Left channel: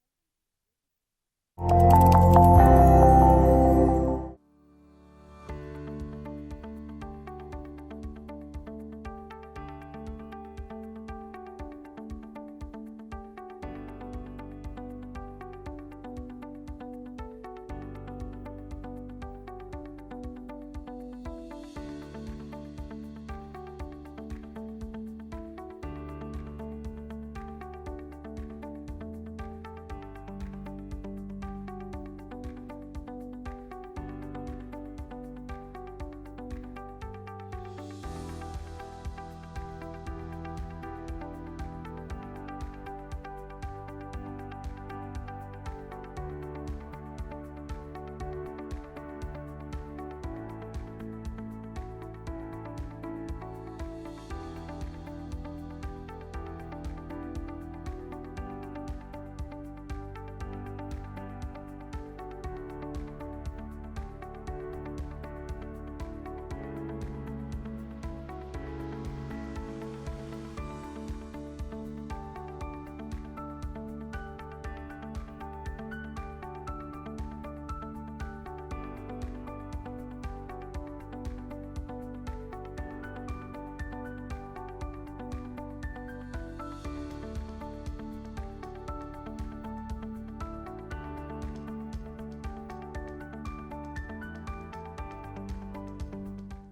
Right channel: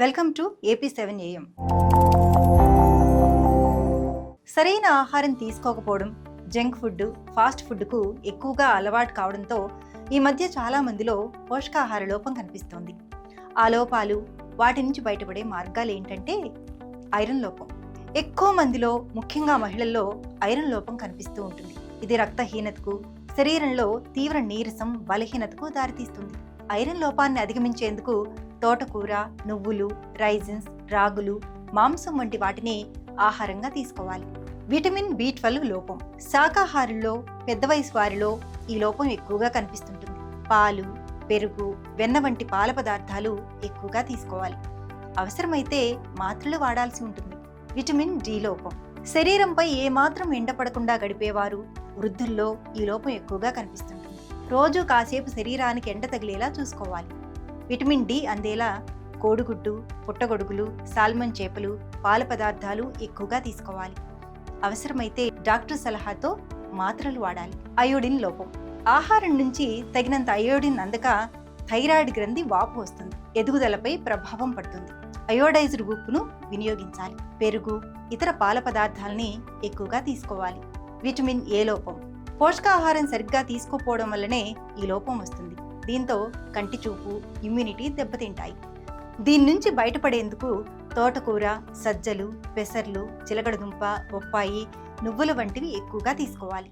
Welcome to AP7 AM. సరైన ఆహారం తీసుకోకపోవడం, జంక్ ఫుడ్, ఫాస్ట్ ఫుడ్కు ఎక్కువగా అలవాటు కావడంతో ఈ మధ్య చాలా మందిలో పోషకాహార లోపం కనిపిస్తోంది. ఆ లోపాలు, వాటి నుంచి బయటపడే మార్గాలు ఏంటంటే ఐరన్ లోపం. ఎక్కువ మందిలో, ముఖ్యంగా మహిళల్లో ఐరన్ లోపం కనిపిస్తూ ఉంటుంది. ఇది రక్తహీనతకు, శరీరంలో తీవ్ర నీరసం, బలహీనతకు దారితీస్తుంది. ఐరన్ లోపాన్ని అధిగమించేందుకు తోటకూర, నువ్వులు, రైజిన్స్, రాగులు, మాంసం వంటి వాటిని ఆహారంగా తీసుకోవాలి. విటమిన్ B12 లోపం. శాకాహారుల్లో, పెద్ద వయసు వారిలో ఈ లోపం ఎక్కువగా కనిపిస్తుంటుంది. పాలు, పెరుగు, వెన్న వంటి పాల పదార్థాలు ఎక్కువగా తీసుకోవాలి. అవసరమైతే మాత్రలు వాడాల్సి ఉంటుంది. విటమిన్ D లోపం. శరీరంపై ఏమాత్రం ఎండపడకుండా గడిపేవారు, వృద్ధుల్లో ఈ లోపం ఎక్కువగా కనిపిస్తుంటుంది. రోజు కాసేపు శరీరానికి ఎండ తగిలేలా చూసుకోవాలి. విటమిన్ D అందేలా కోడిగుడ్డు, పుట్టగొడుగులు, సాల్మన్ చేపలు, పాల పదార్థాలు ఎక్కువగా తీసుకోవాలి. అవసరమైతే డాక్టర్ సలహాతో మాత్రలు వాడాలి. అయోడిన్ లోపం. ఆహారం నుంచి తగినంత అయోడిన్ అందక థైరాయిడ్ గ్రంథి వాపు వస్తుంది, ఎదుగుదలపై ప్రభావం పడుతుంది. అయోడైజ్డ్ ఉప్పును వినియోగించాలి. పెరుగు, ఇతర పాల పదార్థాలని ఎక్కువగా తీసుకోవాలి. విటమిన్ A లోపం. పోషకాహారం సరిగ్గా తీసుకోకపోవడం వల్లనే ఈ లోపం వస్తుంది. దీంతో కంటి చూపు, ఇమ్యూనిటీ దెబ్బతింటాయి. దీని నుంచి బయటపడేందుకు తోటకూర, సజ్జలు, పెసర్లు, చిలకడదుంప, బొప్పాయి, నువ్వుల వంటివి ఎక్కువగా తీసుకోవాలి.